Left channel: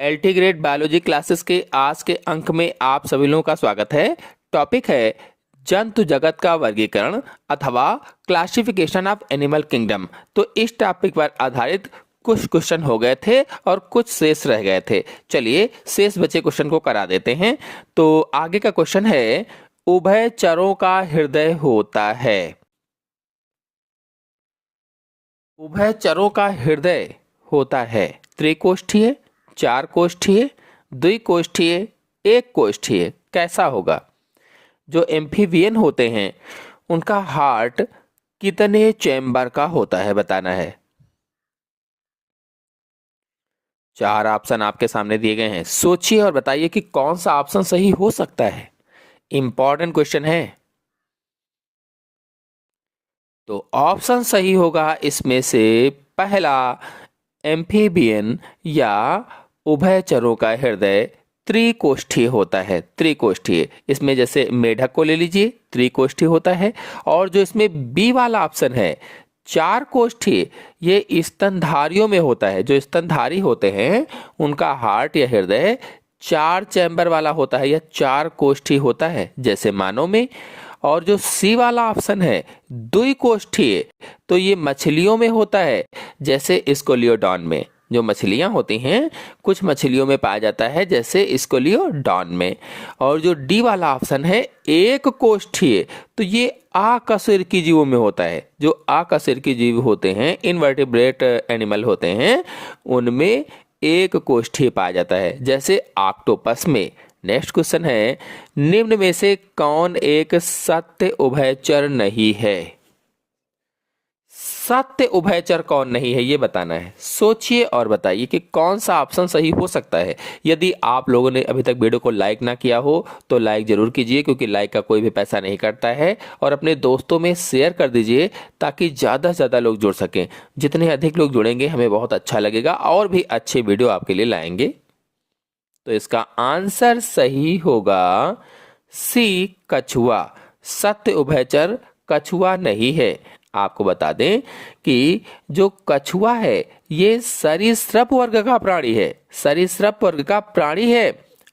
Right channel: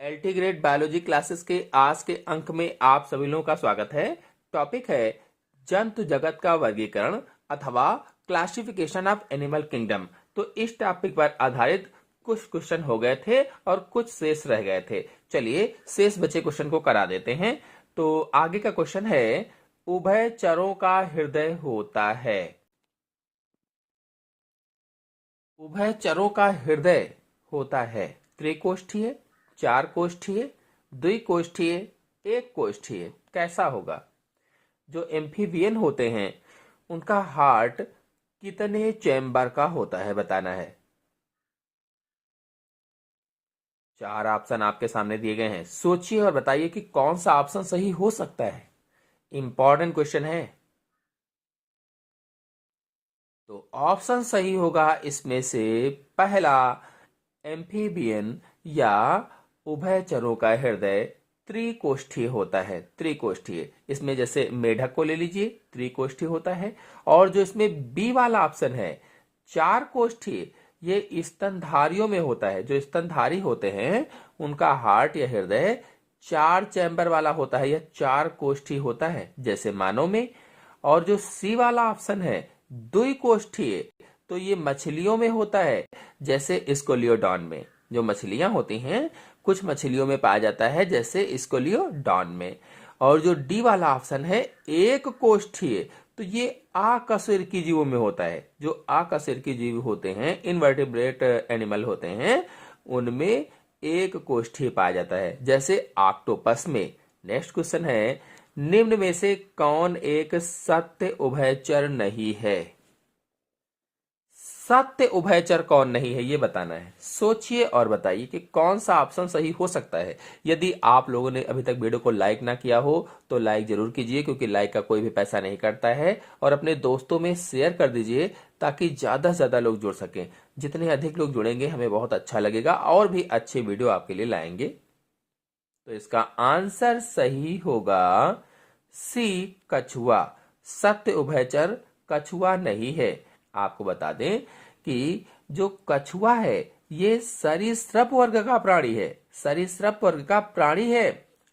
LT grade biology classes के आज के अंक में आप सभी लोगों का स्वागत है। टॉपिक है जंतु जगत का वर्गीकरण अथवा क्लासिफिकेशन ऑफ एनिमल किंगडम। तो इस टॉपिक पर आधारित कुछ क्वेश्चन हो गए थे और कुछ शेष रह गए थे। चलिए शेष बचे क्वेश्चन को करा देते हैं। तो आगे का क्वेश्चन है, उभयचरों का हृदय होता है। उभयचरों का हृदय होता है त्रिकोष्ठीय, चार कोष्ठीय, द्विकोष्ठीय, एक कोष्ठीय। कैसा होगा? जो एम्फीबियन होते हैं उनका हार्ट कितने चैम्बर का होता है बताना है। चार ऑप्शन आपके सामने दिए गए हैं, सोचिए और बताइए कि कौन सा ऑप्शन सही हो सकता है। इंपॉर्टेंट क्वेश्चन है। तो ऑप्शन सही होगा इसमें से पहला, एम्फीबियन या उभयचरों का हृदय त्रिकोष्ठीय होता है। त्रिकोष्ठीय, इसमें जैसे मेढक को ले लीजिए, त्रिकोष्ठीय होता है। और जो इसमें बी वाला ऑप्शन है चार कोष्ठीय, ये स्तनधारियों में होता है। जो स्तनधारी होते हैं उनका हार्ट या हृदय चार चैम्बर वाला होता है या चार कोष्ठीय होता है, जैसे मानव में। और जो सी वाला ऑप्शन है द्विकोष्ठीय, तो ये मछलियों में होता है, जैसे स्कोलियोडॉन में। जो मछलियां होती हैं कुछ मछलियों में पाया जाता है, जैसे स्कोलियोडॉन में। और जो डी वाला ऑप्शन है एक कोष्ठीय, तो ये अकशेरुकी जीवों में होता है। जो अकशेरुकी जीव होते हैं, इनवर्टिब्रेट एनिमल होते हैं, उनमें एक कोष्ठीय पाया जाता है, जैसे ऑक्टोपस में। नेक्स्ट क्वेश्चन है, निम्न में से कौन एक सत्य उभयचर नहीं है? सत्य उभयचर कौन नहीं है ये बताना है। सोचिए और बताइए कि कौन सा ऑप्शन सही हो सकता है। यदि आप लोगों ने अभी तक वीडियो को लाइक ना किया हो तो लाइक जरूर कीजिए, क्योंकि लाइक का कोई भी पैसा नहीं कटता है। और अपने दोस्तों में शेयर कर दीजिए ताकि ज़्यादा से ज़्यादा लोग जुड़ सकें। जितने अधिक लोग जुड़ेंगे हमें बहुत अच्छा लगेगा और भी अच्छे वीडियो आपके लिए लाएंगे। तो इसका आंसर सही होगा सी, कछुआ। सत्य उभयचर कछुआ नहीं है। आपको बता दें कि जो कछुआ है ये सरीसृप वर्ग का प्राणी है। सरीसृप वर्ग का प्राणी है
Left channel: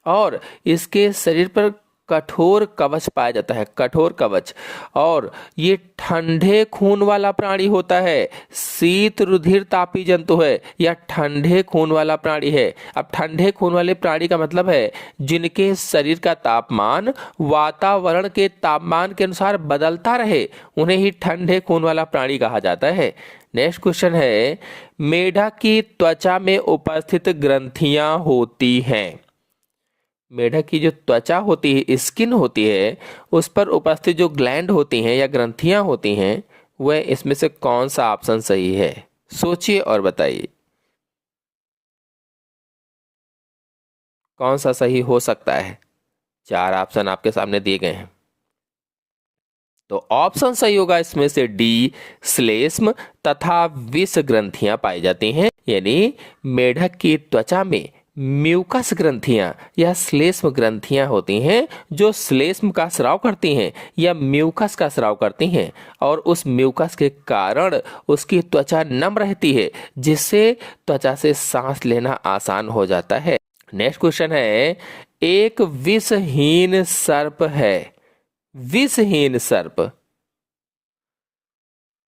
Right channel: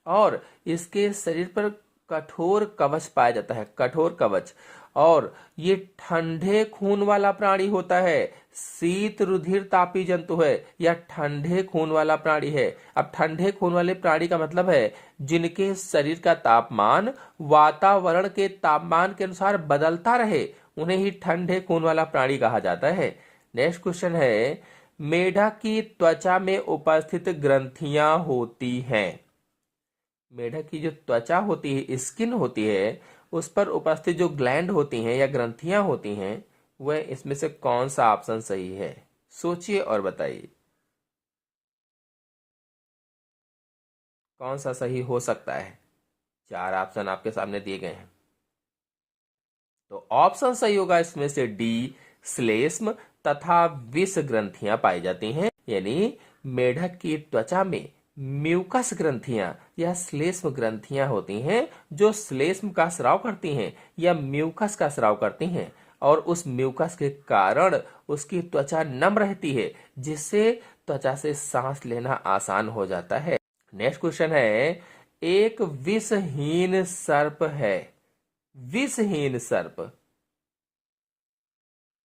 और इसके शरीर पर कठोर कवच पाया जाता है, कठोर कवच। और ये ठंडे खून वाला प्राणी होता है। शीत रुधिर तापी जंतु है या ठंडे खून वाला प्राणी है। अब ठंडे खून वाले प्राणी का मतलब है जिनके शरीर का तापमान वातावरण के तापमान के अनुसार बदलता रहे, उन्हें ही ठंडे खून वाला प्राणी कहा जाता है। नेक्स्ट क्वेश्चन है, मेढक की त्वचा में उपस्थित ग्रंथियां होती हैं। मेढक की जो त्वचा होती है, स्किन होती है, उस पर उपस्थित जो ग्लैंड होती हैं या ग्रंथियां होती हैं, वह इसमें से कौन सा ऑप्शन सही है? सोचिए और बताइए कौन सा सही हो सकता है। चार ऑप्शन आपके सामने दिए गए हैं। तो ऑप्शन सही होगा इसमें से डी, श्लेष्म तथा विष ग्रंथियां पाई जाती हैं। यानी मेढक की त्वचा में म्यूकस ग्रंथियां या श्लेष्म ग्रंथियां होती हैं, जो श्लेष्म का स्राव करती हैं या म्यूकस का स्राव करती हैं। और उस म्यूकस के कारण उसकी त्वचा नम रहती है, जिससे त्वचा से सांस लेना आसान हो जाता है। नेक्स्ट क्वेश्चन है, एक विषहीन सर्प है। विषहीन सर्प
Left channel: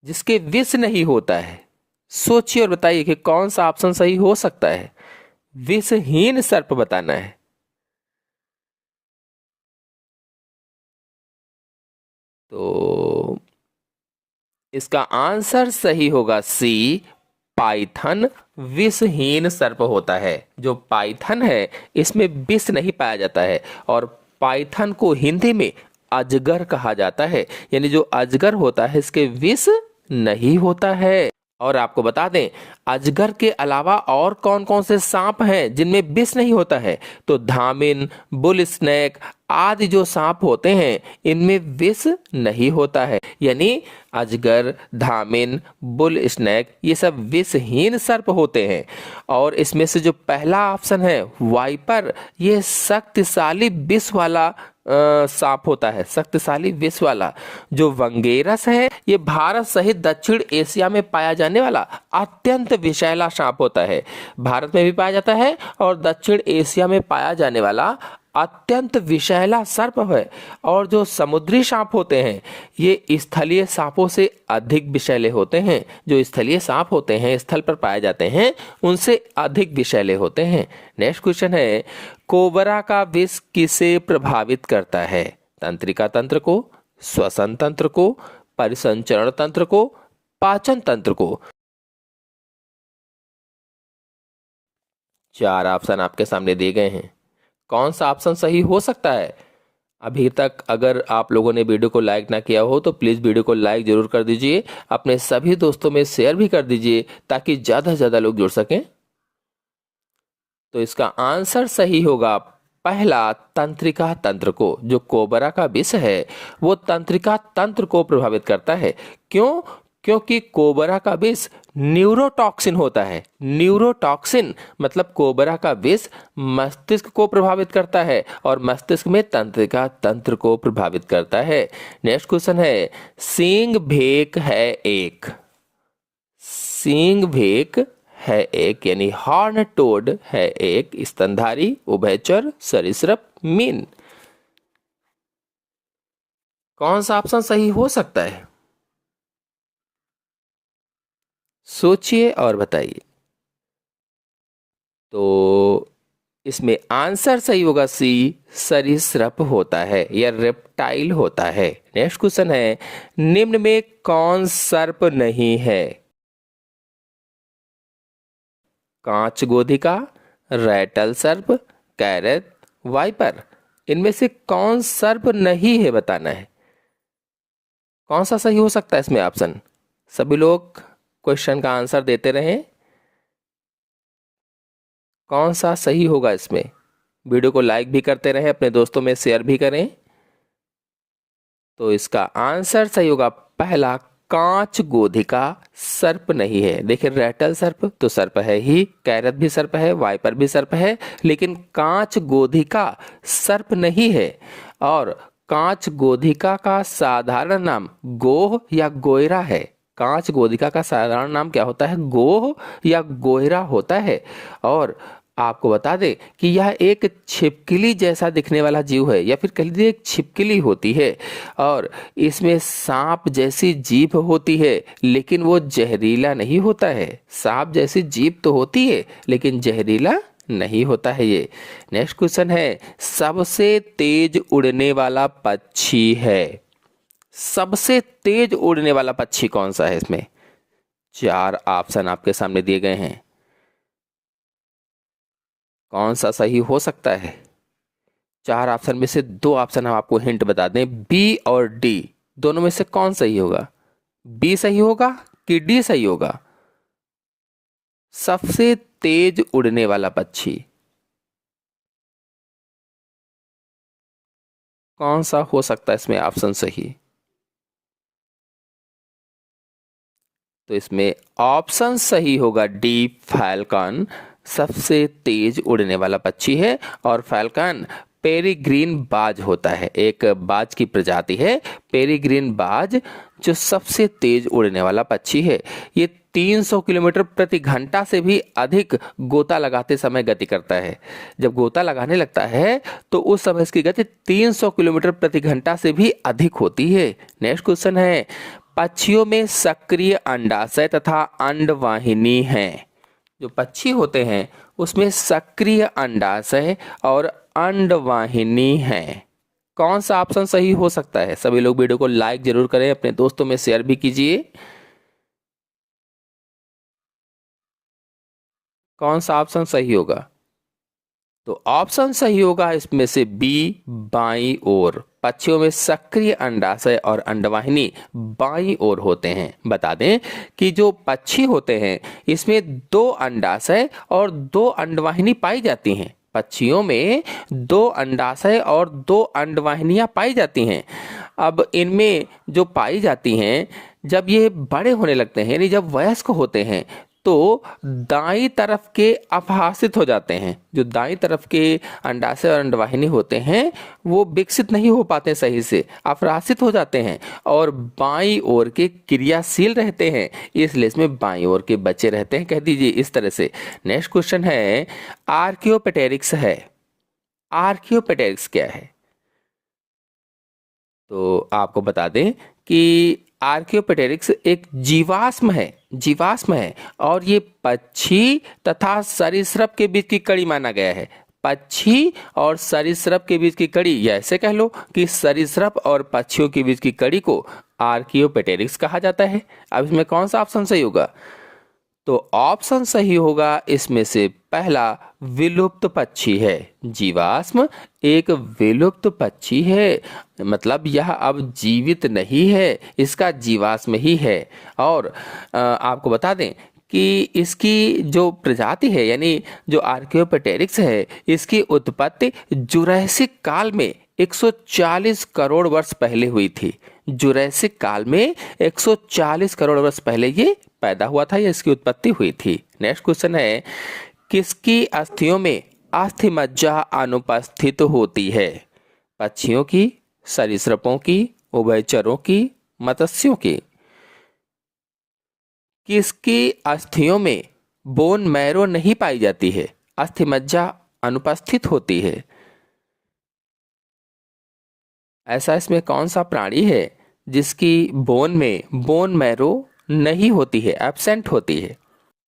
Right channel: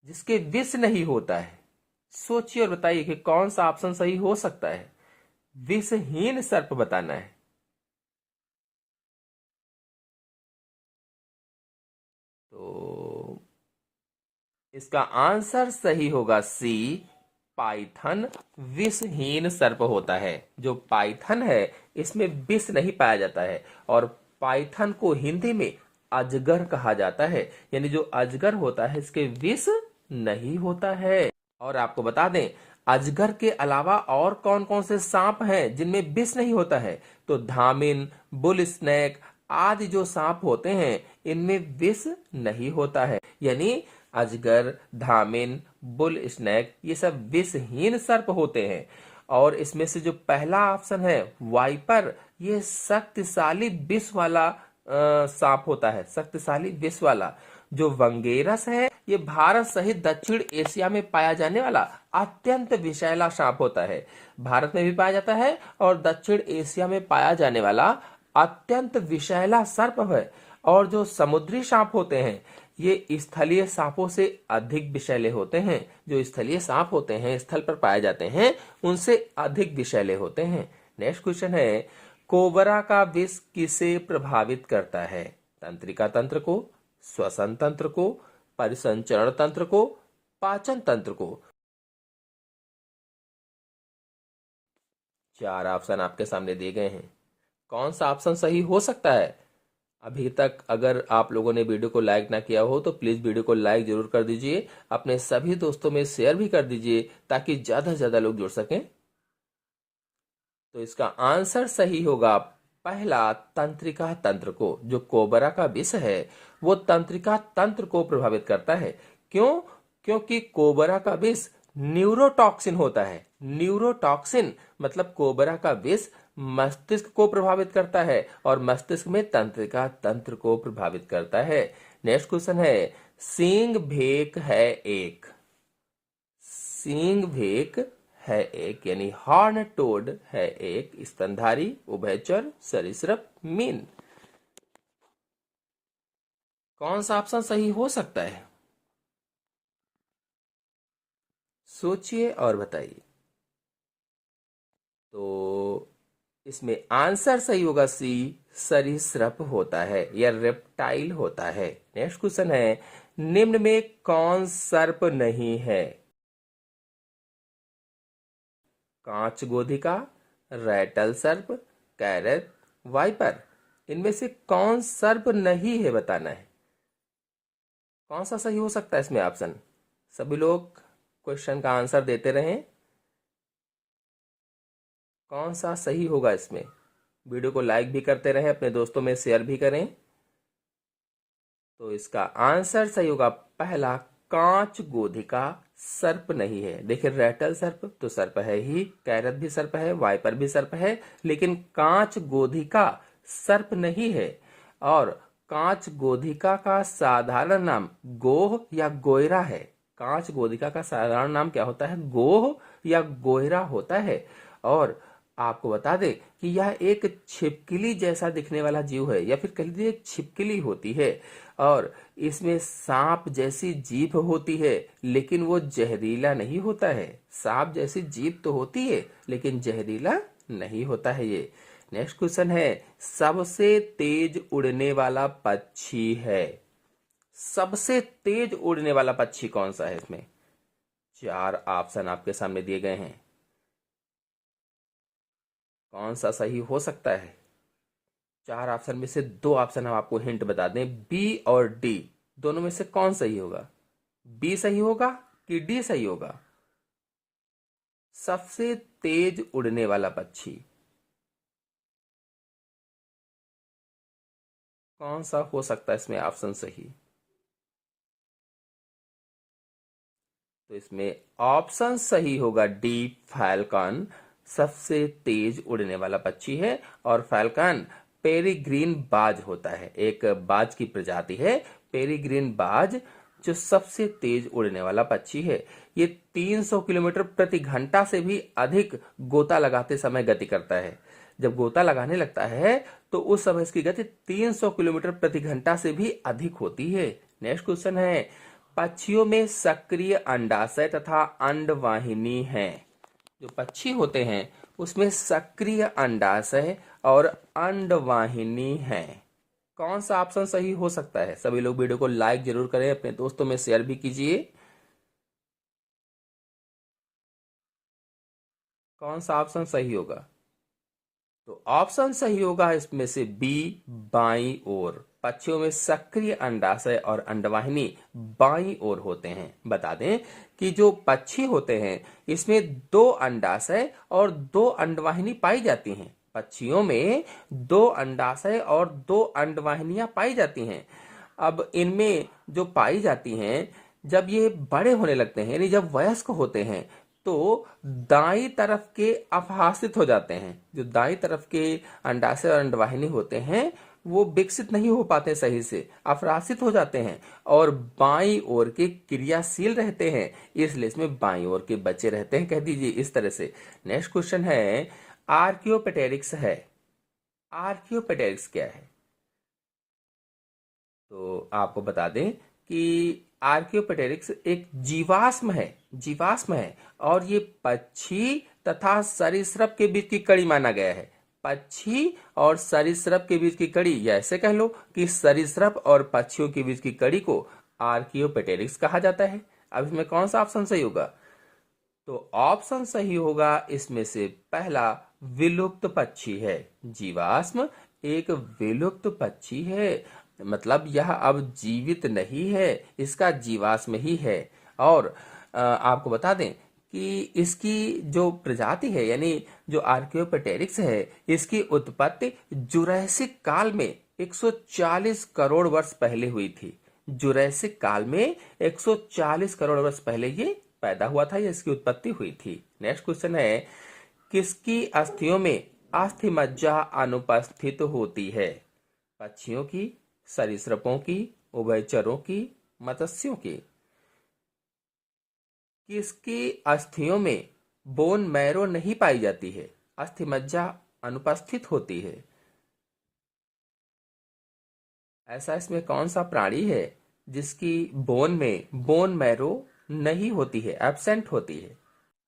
जिसके विष नहीं होता है। सोचिए और बताइए कि कौन सा ऑप्शन सही हो सकता है। विषहीन सर्प बताना है। तो इसका आंसर सही होगा सी, पाइथन विषहीन सर्प होता है। जो पाइथन है इसमें विष नहीं पाया जाता है, और पाइथन को हिंदी में अजगर कहा जाता है। यानी जो अजगर होता है इसके विष नहीं होता है। और आपको बता दें, अजगर के अलावा और कौन कौन से सांप हैं जिनमें विष नहीं होता है? तो धामिन, बुल स्नेक आदि जो सांप होते हैं इनमें विष नहीं होता है। यानी अजगर, धामिन, बुल स्नेक ये सब विषहीन सर्प होते हैं। और इसमें से जो पहला ऑप्शन है वाइपर, ये शक्तिशाली विष वाला सांप होता है, शक्तिशाली विष वाला। जो वंगेरस है ये भारत सहित दक्षिण एशिया में पाया जाने वाला अत्यंत विषैला सांप होता है। भारत में भी पाया जाता है और दक्षिण एशिया में पाया जाने वाला अत्यंत विषैला सर्प है। और जो समुद्री सांप होते हैं ये स्थलीय सांपों से अधिक विषैले होते हैं। जो स्थलीय सांप होते हैं, स्थल पर पाए जाते हैं, उनसे अधिक विषैले होते हैं। नेक्स्ट क्वेश्चन है, कोबरा का विष किसे प्रभावित करता है? तंत्रिका तंत्र को, श्वसन तंत्र को, परिसंचरण तंत्र को, पाचन तंत्र को। 4 ऑप्शन आपके सामने दिए गए हैं, कौन सा ऑप्शन सही हो सकता है? अभी तक अगर आप लोगों ने वीडियो को लाइक ना किया हो तो प्लीज़ वीडियो को लाइक जरूर कर दीजिए, अपने सभी दोस्तों में शेयर भी कर दीजिए ताकि ज़्यादा से ज़्यादा लोग जुड़ सकें। तो इसका आंसर सही होगा पहला, तंत्रिका तंत्र को। जो कोबरा का विष है वो तंत्रिका तंत्र को प्रभावित करता है। क्यों? क्योंकि कोबरा का विष न्यूरोटॉक्सिन होता है। न्यूरोटॉक्सिन मतलब कोबरा का विष मस्तिष्क को प्रभावित करता है और मस्तिष्क में तंत्रिका तंत्र को प्रभावित करता है। नेक्स्ट क्वेश्चन है, सींग भेक है एक। सींग भेक है एक यानी हॉर्न टोड है एक स्तनधारी, उभयचर, सरीसृप, मीन। कौन सा ऑप्शन सही हो सकता है? सोचिए और बताइए। तो इसमें आंसर सही होगा सी, सरीसृप होता है या रेप्टाइल होता है। नेक्स्ट क्वेश्चन है, निम्न में कौन सर्प नहीं है? कांच गोधिका, रैटल सर्प, कैरत, वाइपर। इनमें से कौन सर्प नहीं है बताना है। कौन सा सही हो सकता है इसमें ऑप्शन? सभी लोग क्वेश्चन का आंसर देते रहें, कौन सा सही होगा इसमें। वीडियो को लाइक भी करते रहें, अपने दोस्तों में शेयर भी करें। तो इसका आंसर सही होगा पहला, कांच गोधिका सर्प नहीं है। देखिए रैटल सर्प तो सर्प है ही, कैरत भी सर्प है, वाइपर भी सर्प है, लेकिन कांच गोधिका सर्प नहीं है। और कांच गोधिका का साधारण नाम गोह या गोयरा है। कांच गोधिका का साधारण नाम क्या होता है? गोह या गोयरा होता है। और आपको बता दें कि यह एक छिपकली जैसा दिखने वाला जीव है, या फिर कह लीजिए एक छिपकली होती है। और इसमें सांप जैसी जीभ होती है, लेकिन वो जहरीला नहीं होता है। सांप जैसी जीभ तो होती है लेकिन जहरीला नहीं होता है ये। नेक्स्ट क्वेश्चन है, सबसे तेज उड़ने वाला पक्षी है। सबसे तेज उड़ने वाला पक्षी कौन सा है? इसमें 4 ऑप्शन आपके सामने दिए गए हैं, कौन सा सही हो सकता है? 4 ऑप्शन में से 2 ऑप्शन हम आपको हिंट बता दें, बी और डी। दोनों में से कौन सही होगा? बी सही होगा कि डी सही होगा? सबसे तेज उड़ने वाला पक्षी कौन सा हो सकता है इसमें ऑप्शन सही? तो इसमें ऑप्शन सही होगा डी, फैल्कन सबसे तेज उड़ने वाला पक्षी है। और फैल्कन पेरिग्रीन बाज होता है, एक बाज की प्रजाति है पेरिग्रीन बाज, जो सबसे तेज उड़ने वाला पक्षी है। ये 300 किलोमीटर प्रति घंटा से भी अधिक गोता लगाते समय गति करता है। जब गोता लगाने लगता है तो उस समय इसकी गति 300 किलोमीटर प्रति घंटा से भी अधिक होती है। नेक्स्ट क्वेश्चन है, पक्षियों में सक्रिय अंडाशय तथा अंडवाहिनी है। जो पक्षी होते हैं उसमें सक्रिय अंडाशय और अंडवाहिनी है। कौन सा ऑप्शन सही हो सकता है? सभी लोग वीडियो को लाइक जरूर करें, अपने दोस्तों में शेयर भी कीजिए। कौन सा ऑप्शन सही होगा? तो ऑप्शन सही होगा इसमें से बी, बाईं ओर। पक्षियों में सक्रिय अंडाशय और अंडवाहिनी बाईं ओर होते हैं। बता दें कि जो पक्षी होते हैं इसमें 2 अंडाशय और 2 अंडवाहिनी पाई जाती हैं। पक्षियों में 2 अंडाशय और 2 अंडवाहिनियां पाई जाती हैं। अब इनमें जो पाई जाती हैं, जब ये बड़े होने लगते हैं यानी जब वयस्क होते हैं तो दाईं तरफ के अपहासित हो जाते हैं। जो दाईं तरफ के अंडाशय और अंडवाहिनी होते हैं वो विकसित नहीं हो पाते सही से, अपरासित हो जाते हैं और बाईं ओर के क्रियाशील रहते हैं, इसलिए इसमें बाईं ओर के बचे रहते हैं, कह दीजिए इस तरह से। नेक्स्ट क्वेश्चन है आर्कियोपेटेरिक्स है। आर्कियोपेटेरिक्स क्या है? तो आपको बता दें कि आर्कियोपेटेरिक्स एक जीवाश्म है और ये पक्षी तथा सरीसृप के बीच की कड़ी माना गया है। पक्षी और सरीसृप के बीच की कड़ी, या ऐसे कह लो कि सरीसृप और पक्षियों के बीच की कड़ी को आर्कियोपेटेरिक्स कहा जाता है। अब इसमें कौन सा ऑप्शन सही होगा? तो ऑप्शन सही होगा इसमें से पहला, विलुप्त पक्षी है। जीवाश्म एक विलुप्त पक्षी है, मतलब यह अब जीवित नहीं है, इसका जीवाश्म ही है। और आपको बता दें कि इसकी जो प्रजाति है, यानी जो आर्कियोपेटेरिक्स है, इसकी उत्पत्ति जुरैसिक काल में 140 करोड़ वर्ष पहले हुई थी। जुरैसिक काल में 140 करोड़ वर्ष पहले ये पैदा हुआ था या इसकी उत्पत्ति हुई थी। नेक्स्ट क्वेश्चन है किसकी अस्थियों में अस्थि मज्जा अनुपस्थित होती है? पक्षियों की, सरीसृपों की, उभयचरों की, मत्स्यों की। किसकी अस्थियों में बोन मैरो नहीं पाई जाती है, अस्थि मज्जा अनुपस्थित होती है? ऐसा इसमें कौन सा प्राणी है जिसकी बोन में बोन मैरो नहीं होती है, एब्सेंट होती है?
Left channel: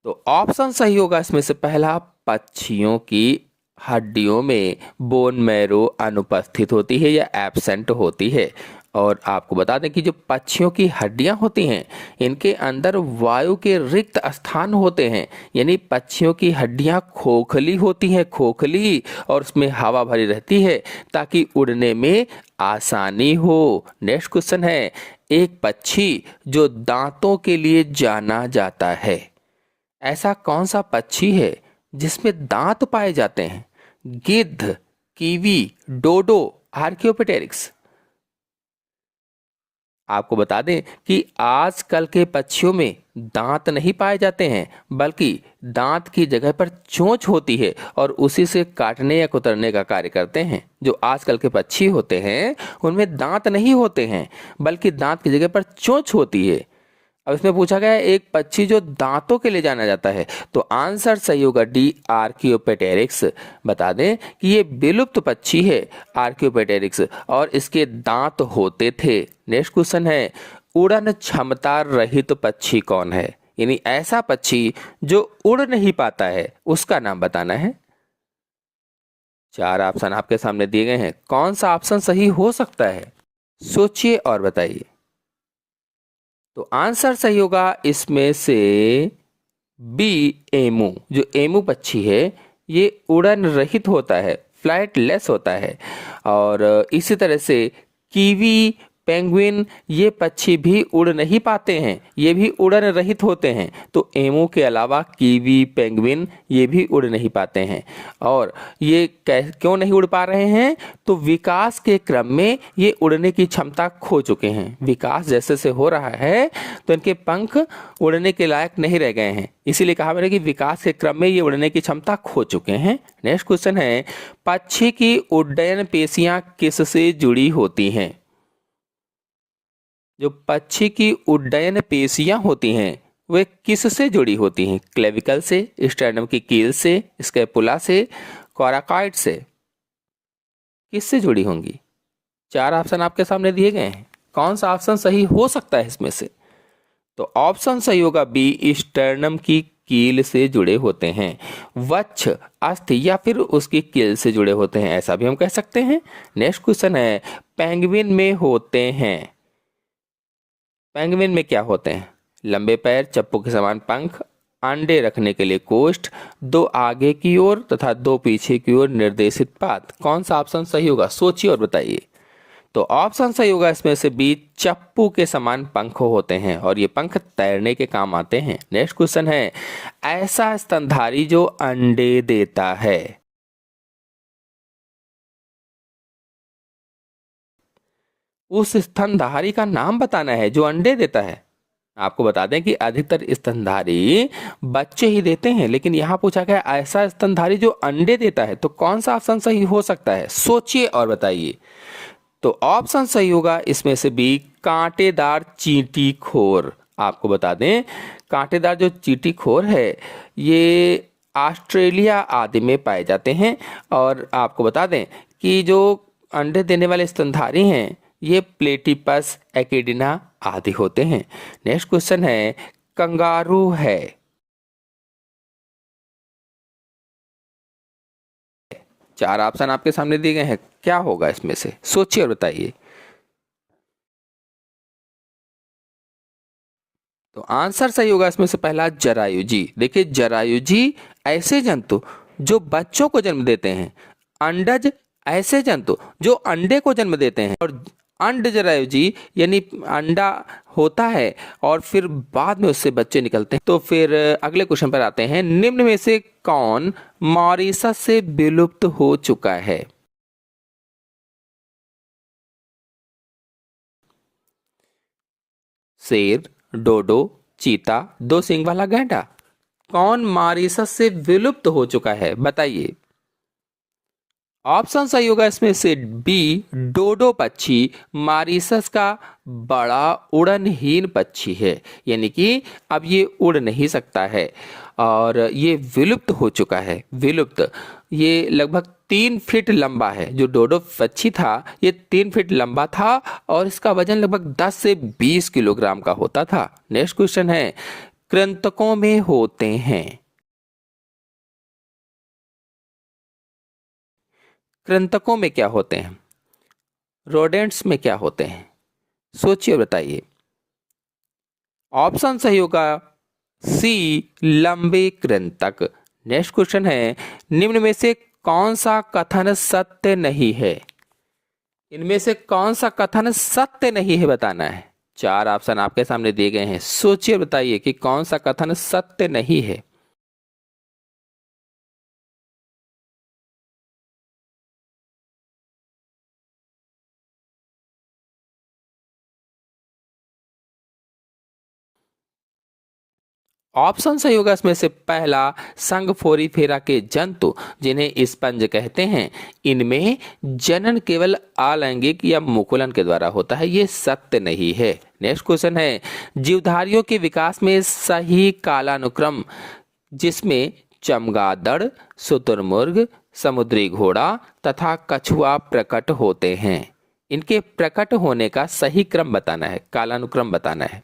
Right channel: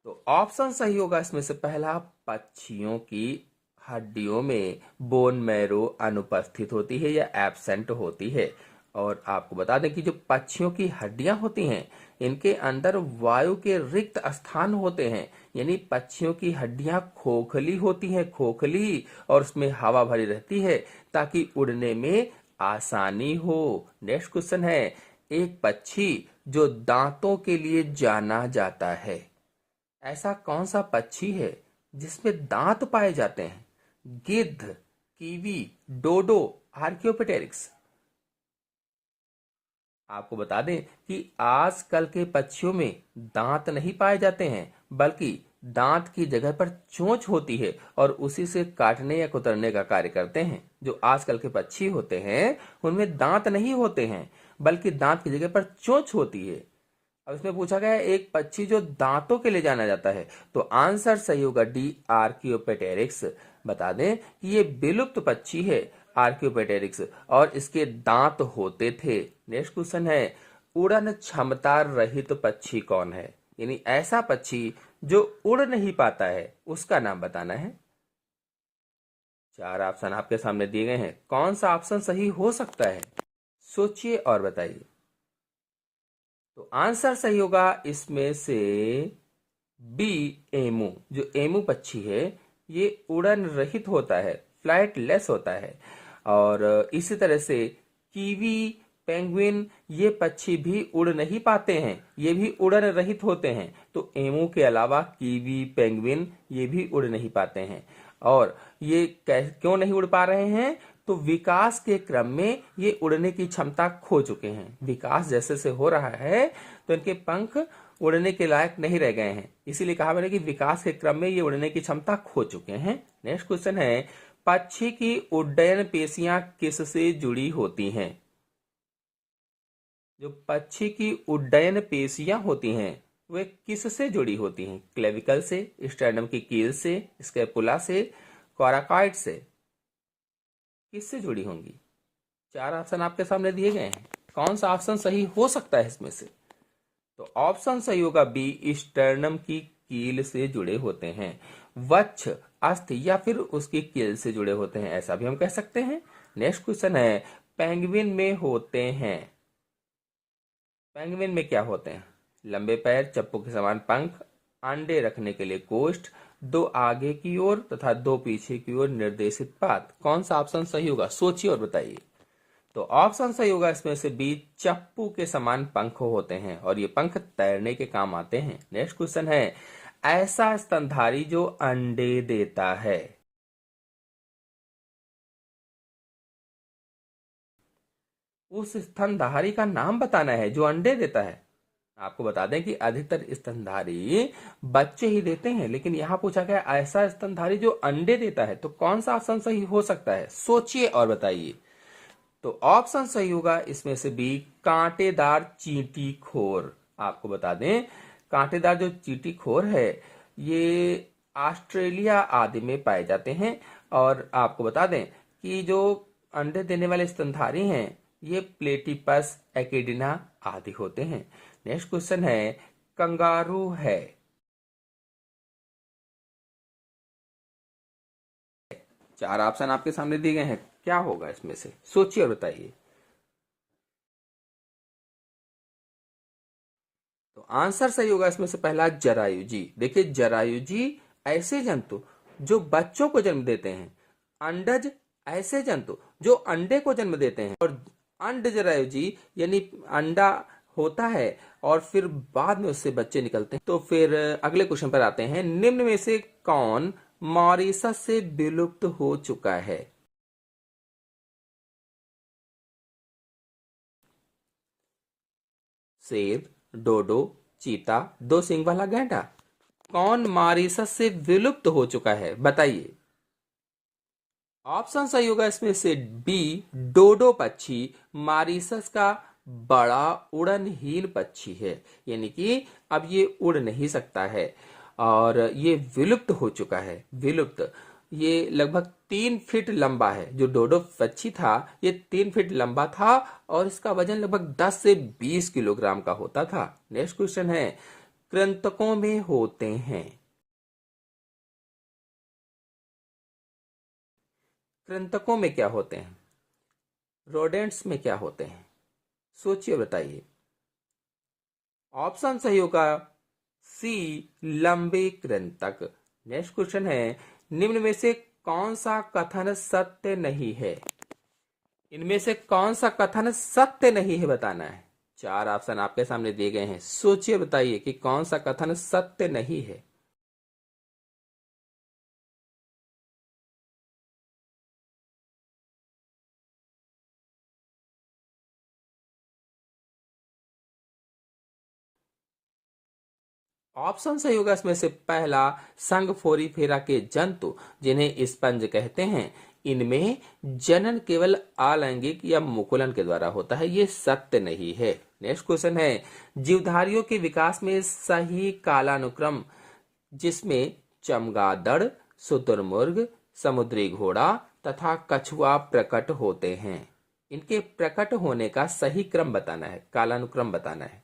तो ऑप्शन सही होगा इसमें से पहला, पक्षियों की हड्डियों में बोन मैरो अनुपस्थित होती है या एब्सेंट होती है। और आपको बता दें कि जो पक्षियों की हड्डियां होती हैं इनके अंदर वायु के रिक्त स्थान होते हैं, यानी पक्षियों की हड्डियां खोखली होती हैं, खोखली, और उसमें हवा भरी रहती है ताकि उड़ने में आसानी हो। नेक्स्ट क्वेश्चन है एक पक्षी जो दांतों के लिए जाना जाता है, ऐसा कौन सा पक्षी है जिसमें दांत पाए जाते हैं? गिद्ध, कीवी, डोडो, आर्कियोपेटेरिक्स। आपको बता दें कि आजकल के पक्षियों में दांत नहीं पाए जाते हैं, बल्कि दांत की जगह पर चोंच होती है और उसी से काटने या कुतरने का कार्य करते हैं। जो आजकल के पक्षी होते हैं उनमें दांत नहीं होते हैं, बल्कि दांत की जगह पर चोंच होती है। अब इसमें पूछा गया है एक पक्षी जो दांतों के लिए जाना जाता है, तो आंसर सही होगा डी, आर्कियोपेटेरिक्स। बता दें कि ये विलुप्त पक्षी है आर्कियोपेटेरिक्स, और इसके दांत होते थे। नेक्स्ट क्वेश्चन है उड़न क्षमता रहित पक्षी कौन है? यानी ऐसा पक्षी जो उड़ नहीं पाता है, उसका नाम बताना है। चार ऑप्शन आपके सामने दिए गए हैं, कौन सा ऑप्शन सही हो सकता है? सोचिए और बताइए। तो आंसर सही होगा इसमें से बी, एमू। जो एमू पक्षी है ये उड़न रहित होता है, फ्लाइटलेस होता है। और इसी तरह से कीवी, पेंगुइन, ये पक्षी भी उड़ नहीं पाते हैं, ये भी उड़न रहित होते हैं। तो एमू के अलावा कीवी, पेंगुइन ये भी उड़ नहीं पाते हैं। और ये क्यों नहीं उड़ पा रहे हैं? तो विकास के क्रम में ये उड़ने की क्षमता खो चुके हैं। विकास जैसे से हो रहा है तो इनके पंख उड़ने के लायक नहीं रह गए हैं, इसीलिए कहा मैंने कि विकास के क्रम में ये उड़ने की क्षमता खो चुके हैं। नेक्स्ट क्वेश्चन है पक्षी की उड्डयन पेशियां किससे जुड़ी होती हैं? जो पक्षी की उड्डयन पेशियां होती हैं वे किससे जुड़ी होती हैं? क्लेविकल से, स्टर्नम की कील से, स्कैपुला से, कोराकॉइड से। किससे जुड़ी होंगी? चार ऑप्शन आपके सामने दिए गए हैं, कौन सा ऑप्शन सही हो सकता है इसमें से? तो ऑप्शन सही होगा बी, स्टर्नम की कील से जुड़े होते हैं। वक्ष, अस्थि या फिर उसकी कील से जुड़े होते हैं, ऐसा भी हम कह सकते हैं। नेक्स्ट क्वेश्चन है पेंगुइन में होते हैं। पेंगुइन में क्या होते हैं? लंबे पैर, चप्पू के समान पंख, अंडे रखने के लिए कोष्ठ, दो आगे की ओर तथा दो पीछे की ओर निर्देशित पात। कौन सा ऑप्शन सही होगा? सोचिए और बताइए। तो ऑप्शन सही होगा इसमें से बी, चप्पू के समान पंख होते हैं और ये पंख तैरने के काम आते हैं। नेक्स्ट क्वेश्चन है ऐसा स्तनधारी जो अंडे देता है। उस स्तनधारी का नाम बताना है जो अंडे देता है। आपको बता दें कि अधिकतर स्तनधारी बच्चे ही देते हैं, लेकिन यहाँ पूछा गया ऐसा स्तनधारी जो अंडे देता है, तो कौन सा ऑप्शन सही हो सकता है? सोचिए और बताइए। तो ऑप्शन सही होगा इसमें से बी, कांटेदार चींटी खोर। आपको बता दें कांटेदार जो चींटी खोर है ये ऑस्ट्रेलिया आदि में पाए जाते हैं। और आपको बता दें कि जो अंडे देने वाले स्तनधारी हैं ये प्लेटिपस, एकिडिना आदि होते हैं। नेक्स्ट क्वेश्चन है, कंगारू है। चार ऑप्शन आपके सामने दिए गए हैं, क्या होगा इसमें से? सोचिए और बताइए। तो आंसर सही होगा इसमें से पहला, जरायुजी। देखिए जरायुजी ऐसे जंतु जो बच्चों को जन्म देते हैं, अंडज ऐसे जंतु जो अंडे को जन्म देते हैं, और अंड जरायुजी यानी अंडा होता है और फिर बाद में उससे बच्चे निकलते हैं। तो फिर अगले क्वेश्चन पर आते हैं, निम्न में से कौन मॉरिशस से विलुप्त हो चुका है? शेर, डोडो, चीता, दो सींग वाला गैंडा। कौन मॉरिशस से विलुप्त हो चुका है, बताइए। ऑप्शन सही होगा इसमें से बी, डोडो पक्षी मॉरिशस का बड़ा उड़नहीन पक्षी है, यानी कि अब ये उड़ नहीं सकता है और ये विलुप्त हो चुका है। विलुप्त, ये लगभग 3 फीट लंबा है। जो डोडो पक्षी था ये 3 फीट लंबा था और इसका वजन लगभग 10 से 20 किलोग्राम का होता था। नेक्स्ट क्वेश्चन है, कृंतकों में होते हैं। कृंतकों में क्या होते हैं? रोडेंट्स में क्या होते हैं? सोचिए बताइए। ऑप्शन सही होगा सी, लंबे कृंतक। नेक्स्ट क्वेश्चन है, निम्न में से कौन सा कथन सत्य नहीं है? इनमें से कौन सा कथन सत्य नहीं है बताना है। चार ऑप्शन आपके सामने दिए गए हैं, सोचिए बताइए कि कौन सा कथन सत्य नहीं है। ऑप्शन सही होगा इसमें से पहला, संग फोरी फेरा के जंतु जिन्हें स्पंज कहते हैं, इनमें जनन केवल अलैंगिक या मुकुलन के द्वारा होता है, ये सत्य नहीं है। नेक्स्ट क्वेश्चन है, जीवधारियों के विकास में सही कालानुक्रम जिसमें चमगादड़, शुतुरमुर्ग, समुद्री घोड़ा तथा कछुआ प्रकट होते हैं, इनके प्रकट होने का सही क्रम बताना है, कालानुक्रम बताना है।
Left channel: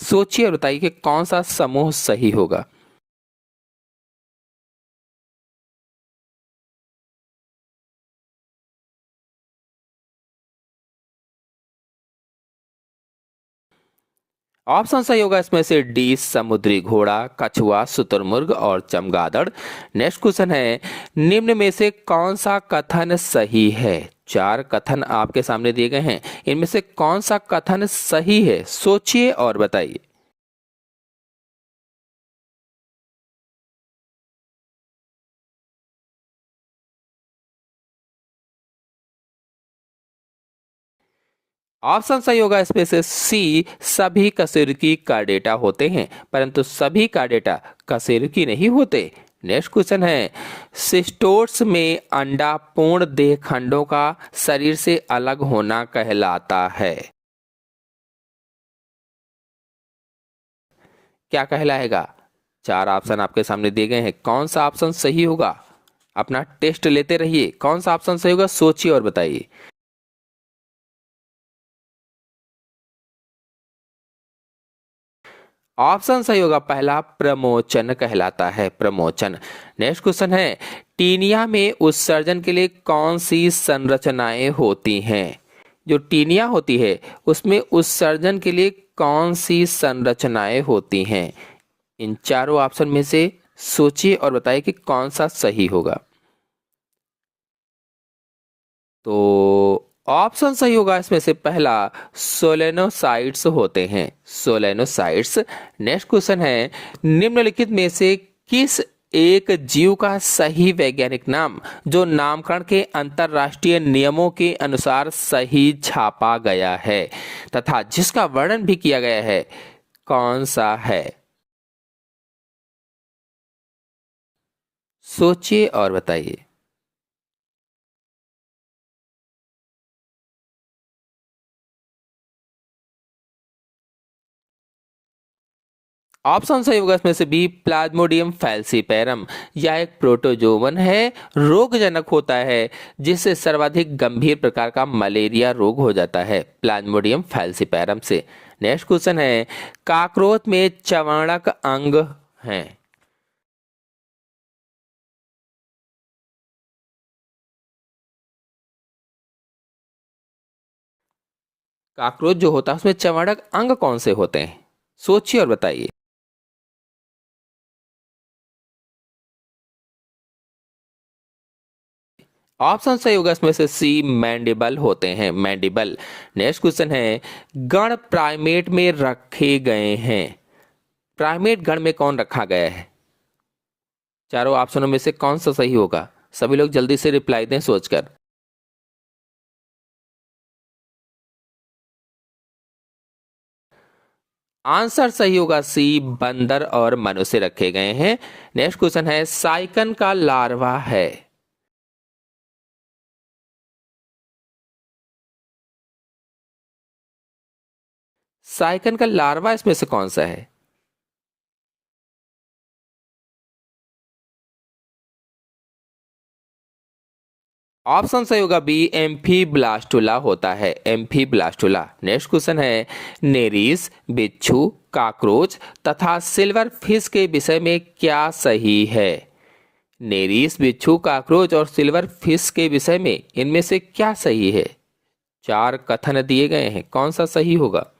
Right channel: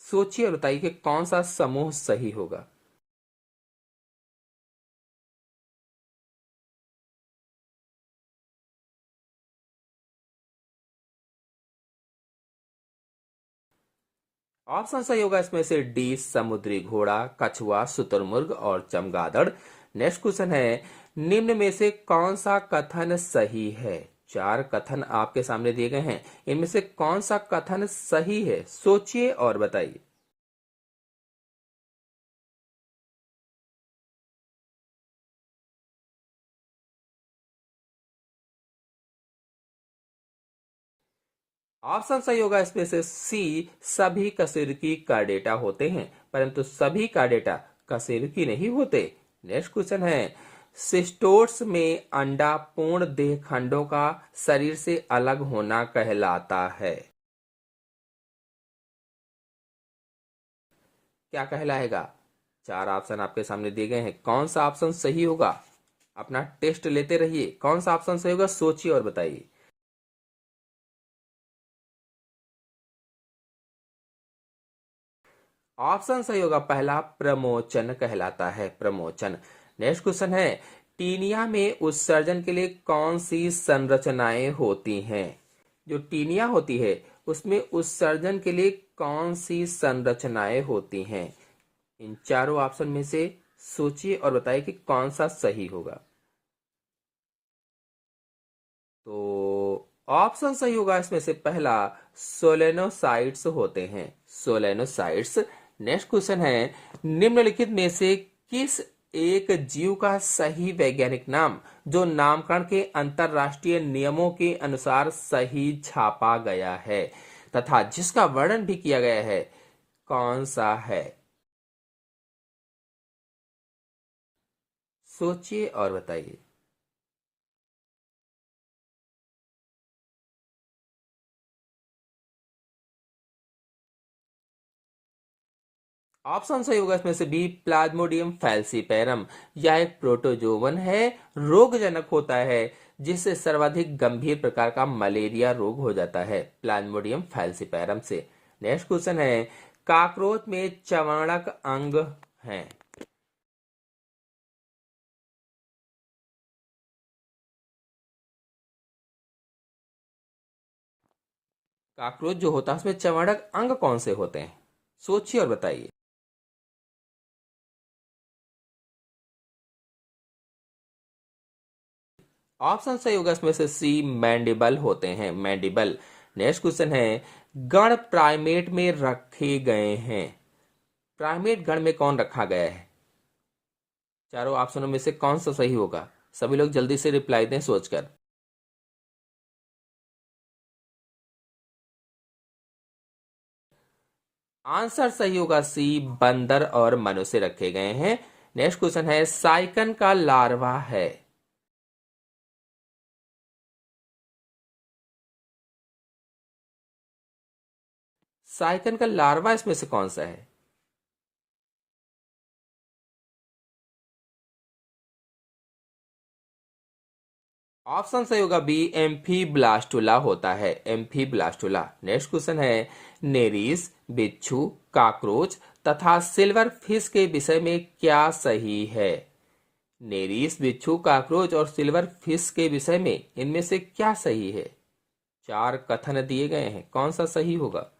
सोचिए और बताइए कि कौन सा समूह सही होगा। ऑप्शन सही होगा इसमें से डी, समुद्री घोड़ा, कछुआ, शुतुरमुर्ग और चमगादड़। नेक्स्ट क्वेश्चन है, निम्न में से कौन सा कथन सही है? चार कथन आपके सामने दिए गए हैं, इनमें से कौन सा कथन सही है? सोचिए और बताइए। ऑप्शन सही होगा इसमें से सी, सभी कशेरुकी कार्डेटा होते हैं, परंतु सभी कार्डेटा कशेरुकी नहीं होते। नेक्स्ट क्वेश्चन है, सिस्टोट्स में अंडा पूर्ण देह खंडों का शरीर से अलग होना कहलाता है, क्या कहलाएगा? चार ऑप्शन आपके सामने दिए गए हैं, कौन सा ऑप्शन सही होगा? अपना टेस्ट लेते रहिए, कौन सा ऑप्शन सही होगा सोचिए और बताइए। ऑप्शन सही होगा पहला, प्रमोचन कहलाता है, प्रमोचन। नेक्स्ट क्वेश्चन है, टीनिया में उत्सर्जन के लिए कौन सी संरचनाएं होती हैं? जो टीनिया होती है उसमें उत्सर्जन के लिए कौन सी संरचनाएं होती हैं? इन चारों ऑप्शन में से सोचिए और बताइए कि कौन सा सही होगा। तो ऑप्शन सही होगा इसमें से पहला, सोलेनोसाइट्स होते हैं, सोलेनोसाइट्स। नेक्स्ट क्वेश्चन है, निम्नलिखित में से किस एक जीव का सही वैज्ञानिक नाम जो नामकरण के अंतरराष्ट्रीय नियमों के अनुसार सही छापा गया है तथा जिसका वर्णन भी किया गया है, कौन सा है? सोचिए और बताइए। ऑप्शन सही होगा इसमें से बी, प्लाज्मोडियम फैल्सीपेरम। यह एक प्रोटोजोवन है, रोगजनक होता है, जिससे सर्वाधिक गंभीर प्रकार का मलेरिया रोग हो जाता है, प्लाज्मोडियम फैल्सीपेरम से। नेक्स्ट क्वेश्चन है, काकरोच में चवाणक अंग है। काकरोच जो होता है उसमें चवाणक अंग कौन से होते हैं? सोचिए और बताइए। ऑप्शन सही होगा इसमें से सी, मैंडिबल होते हैं, मैंडिबल। नेक्स्ट क्वेश्चन है, गण प्राइमेट में रखे गए हैं। प्राइमेट गण में कौन रखा गया है? चारों ऑप्शनों में से कौन सा सही होगा? सभी लोग जल्दी से रिप्लाई दें सोचकर। आंसर सही होगा सी, बंदर और मनुष्य रखे गए हैं। नेक्स्ट क्वेश्चन है, साइकन का लार्वा है। साइकन का लार्वा इसमें से कौन सा है? ऑप्शन सही होगा बी, एम्फीब्लास्टुला होता है, एम्फीब्लास्टुला। नेक्स्ट क्वेश्चन है, नेरीस, बिच्छू, काकरोच तथा सिल्वर फिश के विषय में क्या सही है? नेरीस, बिच्छू, काकरोच और सिल्वर फिश के विषय में इनमें से क्या सही है? चार कथन दिए गए हैं, कौन सा सही होगा?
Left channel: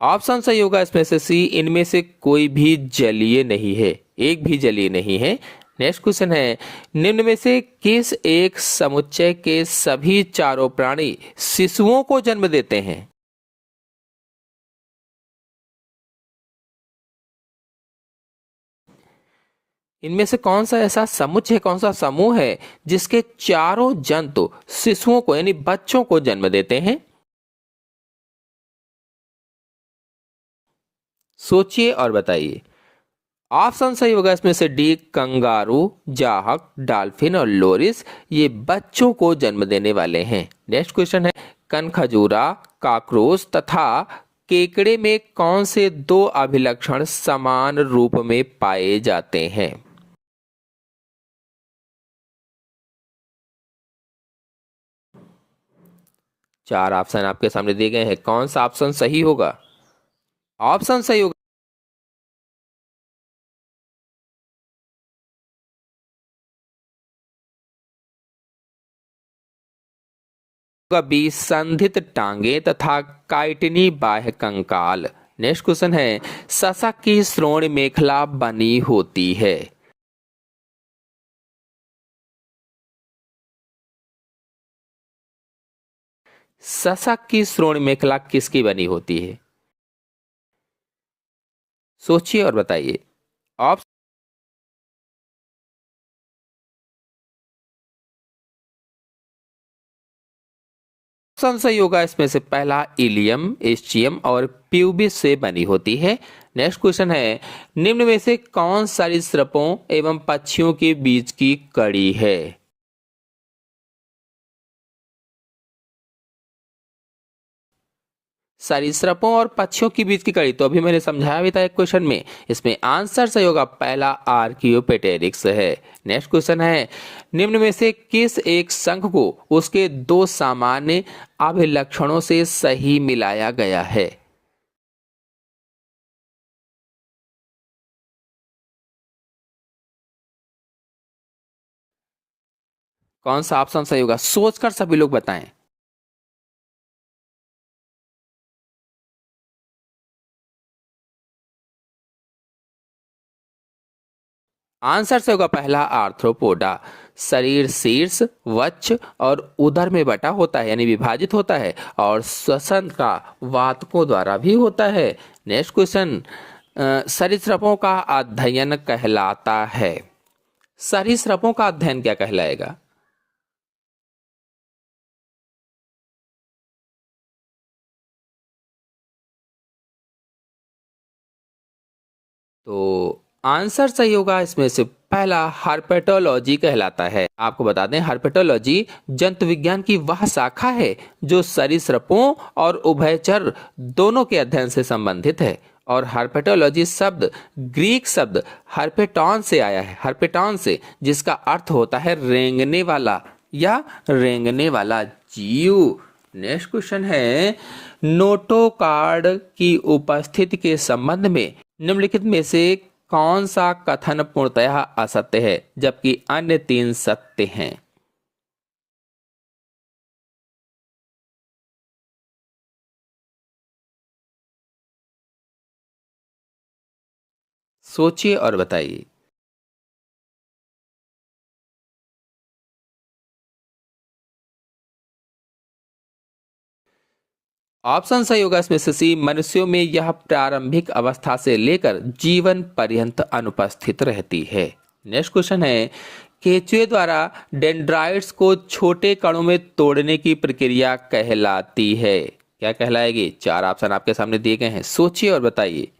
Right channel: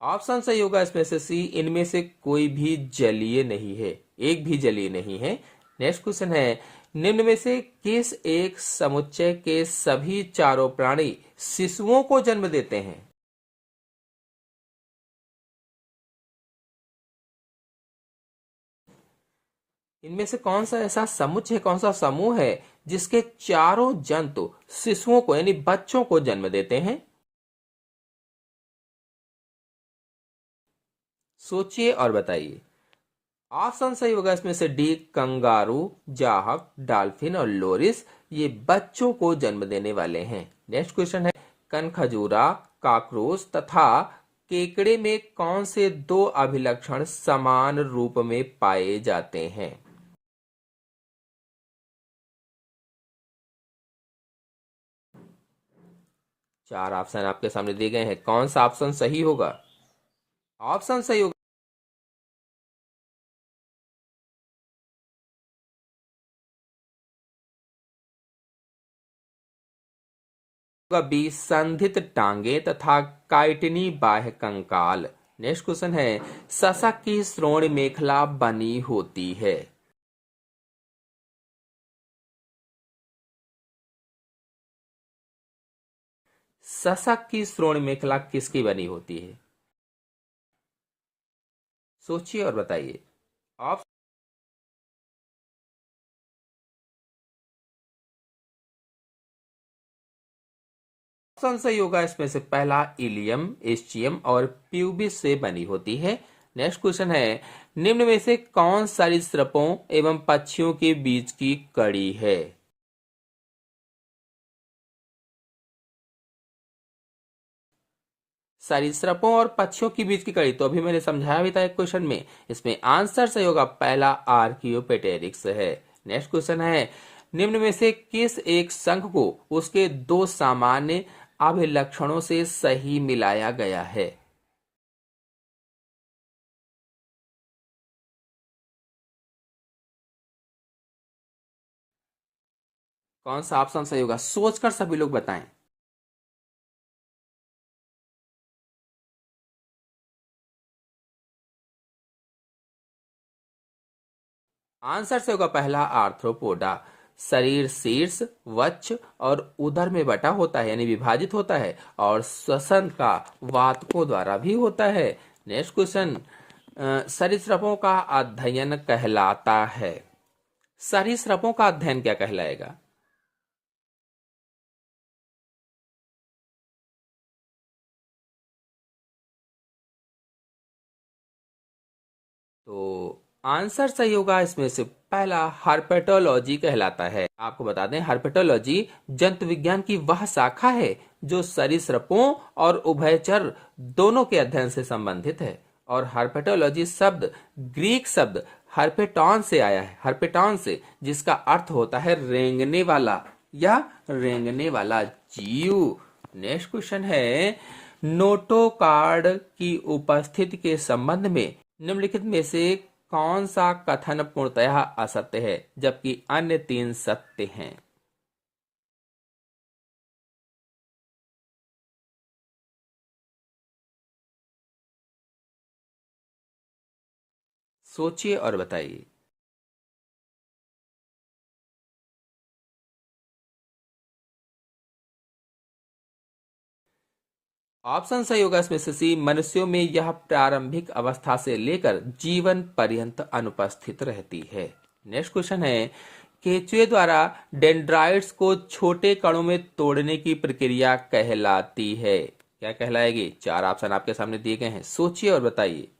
ऑप्शन सही होगा इसमें से सी, इनमें से कोई भी जलीय नहीं है, एक भी जलीय नहीं है। नेक्स्ट क्वेश्चन है, निम्न में से किस एक समुच्चय के सभी चारों प्राणी शिशुओं को जन्म देते हैं? इनमें से कौन सा ऐसा समुच्चय, कौन सा समूह है जिसके चारों जंतु शिशुओं को यानी बच्चों को जन्म देते हैं? सोचिए और बताइए। ऑप्शन सही होगा इसमें से डी, कंगारू, जाहक, डॉल्फिन और लोरिस। ये बच्चों को जन्म देने वाले हैं। नेक्स्ट क्वेश्चन है, कनखजूरा, काकरोच तथा केकड़े में कौन से दो अभिलक्षण समान रूप में पाए जाते हैं? चार ऑप्शन आपके सामने दिए गए हैं, कौन सा ऑप्शन सही होगा? ऑप्शन सही होगा बी, संधित टांगे तथा काइटिनी बाह्य कंकाल। नेक्स्ट क्वेश्चन है, सशक की श्रोण मेखला बनी होती है। सशक की श्रोण मेखला किसकी बनी होती है? सोचिए और बताइए। ऑप्शन सही होगा इसमें से पहला, इलियम, एस्चियम और प्यूबिस से बनी होती है। नेक्स्ट क्वेश्चन है, निम्न में से कौन सरीसृपों एवं पक्षियों के बीच की कड़ी है? सरीसृपों और पक्षियों के बीच की कड़ी तो अभी मैंने समझाया भी था एक क्वेश्चन में। इसमें आंसर सही होगा पहला, आर्कियोपेटेरिक्स है। नेक्स्ट क्वेश्चन है, निम्न में से किस एक संघ को उसके दो सामान्य अभिलक्षणों से सही मिलाया गया है? कौन सा ऑप्शन सही होगा? सोचकर सभी लोग बताएं। आंसर से होगा पहला, आर्थ्रोपोडा। शरीर शीर्ष, वक्ष और उदर में बटा होता है यानी विभाजित होता है, और श्वसन का वातकों द्वारा भी होता है। नेक्स्ट क्वेश्चन, सरीसृपों का अध्ययन कहलाता है। सरीसृपों का अध्ययन क्या कहलाएगा? तो आंसर सही होगा इसमें से पहला, हर्पेटोलॉजी कहलाता है। आपको बता दें, हर्पेटोलॉजी जंतु विज्ञान की वह शाखा है जो सरीसृपों और उभयचर दोनों के अध्ययन से संबंधित है। और हर्पेटोलॉजी शब्द ग्रीक शब्द हर्पेटॉन से आया है, हर्पेटॉन से, जिसका अर्थ होता है रेंगने वाला या रेंगने वाला जीव। नेक्स्ट क्वेश्चन है, नोटोकार्ड की उपस्थिति के संबंध में निम्नलिखित में से कौन सा कथन पूर्णतः असत्य है जबकि अन्य तीन सत्य हैं? सोचिए और बताइए। ऑप्शन सही होगा इसमें से सी, मनुष्यों में यह प्रारंभिक अवस्था से लेकर जीवन पर्यंत अनुपस्थित रहती है। नेक्स्ट क्वेश्चन है, केंचुए द्वारा डेंड्राइट्स को छोटे कणों में तोड़ने की प्रक्रिया कहलाती है? क्या कहलाएगी? चार ऑप्शन आपके सामने दिए गए हैं, सोचिए और बताइए।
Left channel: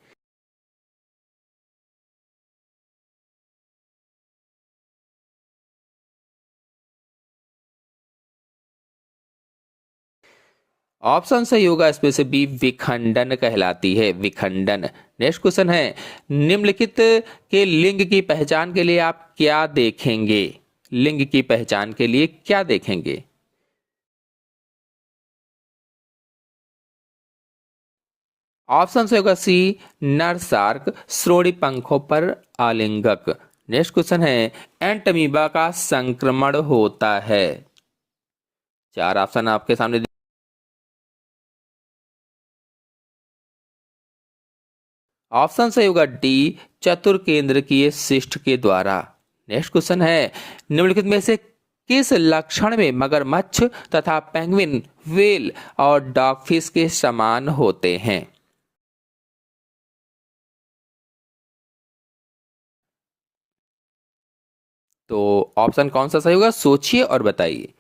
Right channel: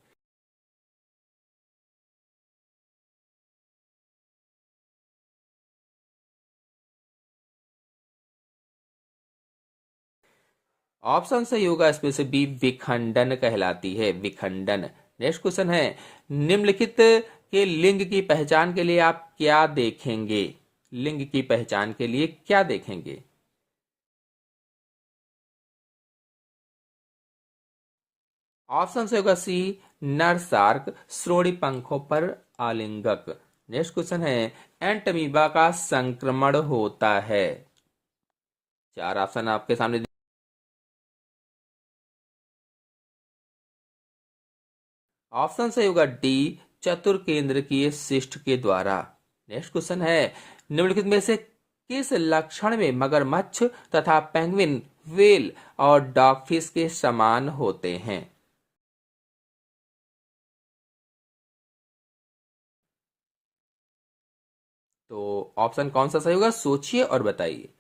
ऑप्शन सही होगा इसमें से बी, विखंडन कहलाती है, विखंडन। नेक्स्ट क्वेश्चन है, निम्नलिखित के लिंग की पहचान के लिए आप क्या देखेंगे? लिंग की पहचान के लिए क्या देखेंगे? ऑप्शन से होगा सी, नर शार्क श्रोणि पंखों पर आलिंगक। नेक्स्ट क्वेश्चन है, एंटमीबा का संक्रमण होता है? चार ऑप्शन आपके सामने। ऑप्शन सही होगा डी, चतुर्केंद्रकीय शिष्ट के द्वारा। नेक्स्ट क्वेश्चन है, निम्नलिखित में से किस लक्षण में मगरमच्छ तथा पेंगुइन, व्हेल और डॉगफिश के समान होते हैं? तो ऑप्शन कौन सा सही होगा, सोचिए और बताइए।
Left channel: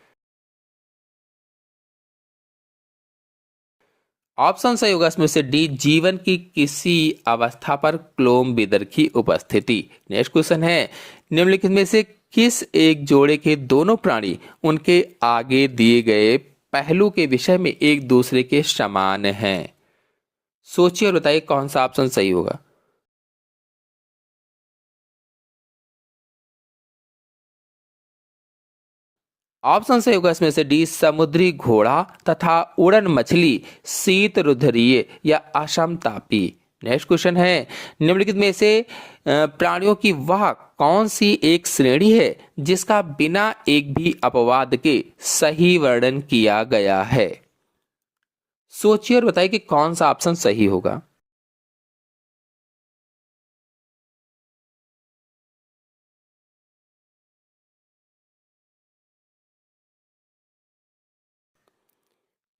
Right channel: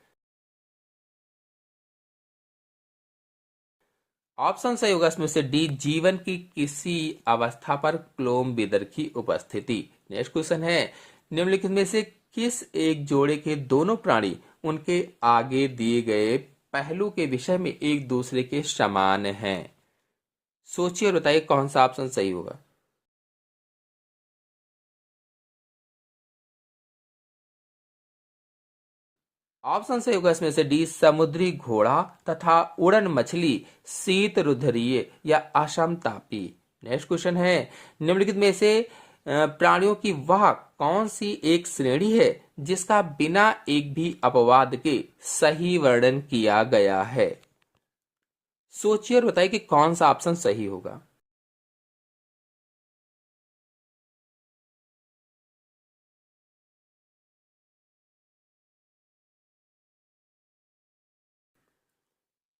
ऑप्शन सही होगा इसमें से डी, जीवन की किसी अवस्था पर क्लोम विदर की उपस्थिति। नेक्स्ट क्वेश्चन है, निम्नलिखित में से किस एक जोड़े के दोनों प्राणी उनके आगे दिए गए पहलू के विषय में एक दूसरे के समान हैं? सोचिए और बताइए कौन सा ऑप्शन सही होगा। ऑप्शन सही होगा इसमें से डी, समुद्री घोड़ा तथा उड़न मछली शीत रुधिरीय या असमतापी। नेक्स्ट क्वेश्चन है, निम्नलिखित में से प्राणियों की वह कौन सी एक श्रेणी है जिसका बिना एक भी अपवाद के सही वर्णन किया गया है? सोचिए और बताइए कि कौन सा ऑप्शन सही होगा।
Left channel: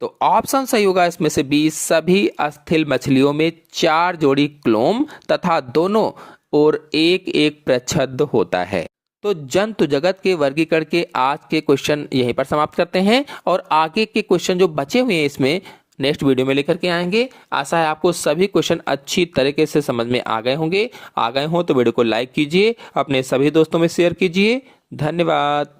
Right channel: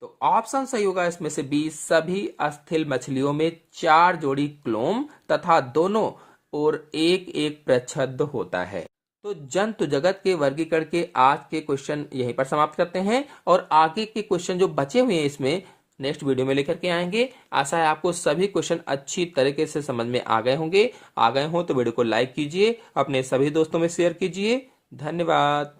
तो ऑप्शन सही होगा इसमें से बी, सभी अस्थिल मछलियों में चार जोड़ी क्लोम तथा दोनों और एक एक प्रच्छद होता है। तो जंतु जगत के वर्गीकरण के आज के क्वेश्चन यहीं पर समाप्त करते हैं और आगे के क्वेश्चन जो बचे हुए हैं इसमें नेक्स्ट वीडियो में लेकर के आएंगे। आशा है आपको सभी क्वेश्चन अच्छी तरीके से समझ में आ गए होंगे। आ गए हो तो वीडियो को लाइक कीजिए, अपने सभी दोस्तों में शेयर कीजिए। धन्यवाद।